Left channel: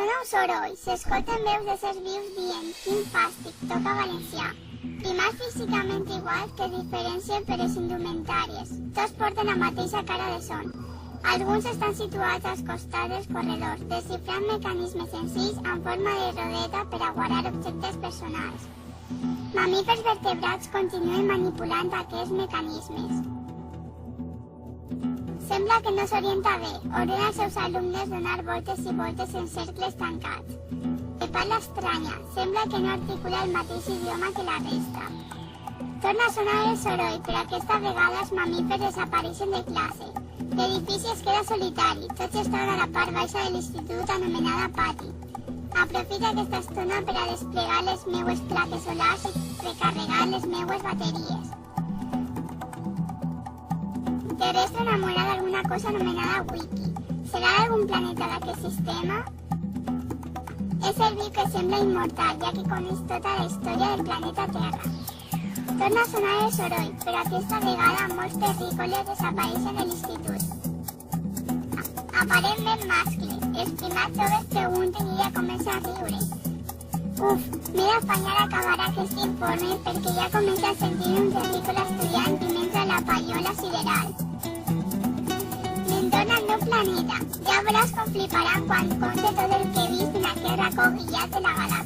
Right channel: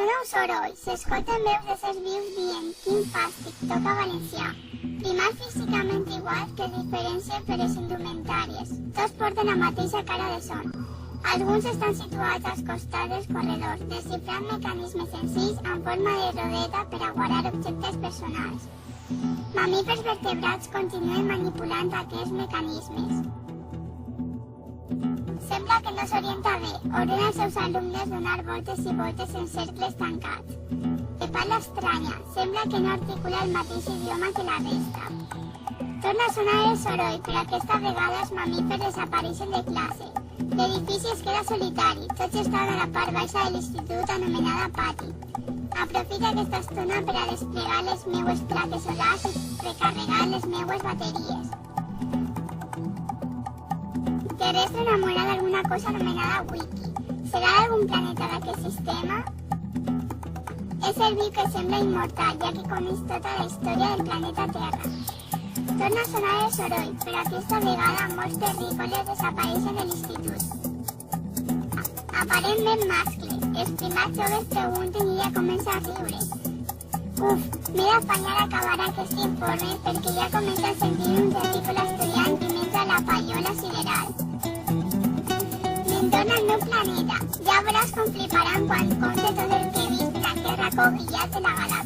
Sona un soroll, s'escolten veus d'éssers vius dient «Quin fàstic, toca valencià». Primers físicament iguals que es diferencien per les indumentàries. Tots porten la mateixa cara de son. Alguns estan situats als costats dels corredors, desxifrant mecanismes senzills en forma de rodeta per a guardar objectes personals. Mamífers vertebrats continuen manipulant aquests mecanismes. Sembla que no s'orienta bé, ordena als seus alumnes donar voltes i voltes en cercles tancats. De parla estranya, sembla que no articula el mateix idioma que la resta. Torna a sonar el soroll, però aquesta vegada els mamífers desapareixen de classe. L'edifici es queda solitari, tots estan a la part baixa de l'institut anomenada pati. Aprofita aquesta estona per a desplegar les meues plaques solars i recarregar les meues bateries. Terrestre enamorada d'alguna cosa anomenada Wiki. Serà d'algun planeta d'aquest sistema? És el viu que sembla immortal, ja que coneix tota la història del planeta Terra. Torna a sonar el soroll, però aquesta vegada molts terrícoles desapareixen de l'institut. Aparentment mascles, els primats joves pregunten i ja comença a riure. Uf, m'he d'afanyar a acabar aquest informe perquè ja comença a sentir un terrícola estudiant i menja la pallola sideral. Me'n al meu planeta, ja veuràs com fliparan quan conte tot el que he vist de la Terra cobrillat de la galàxia.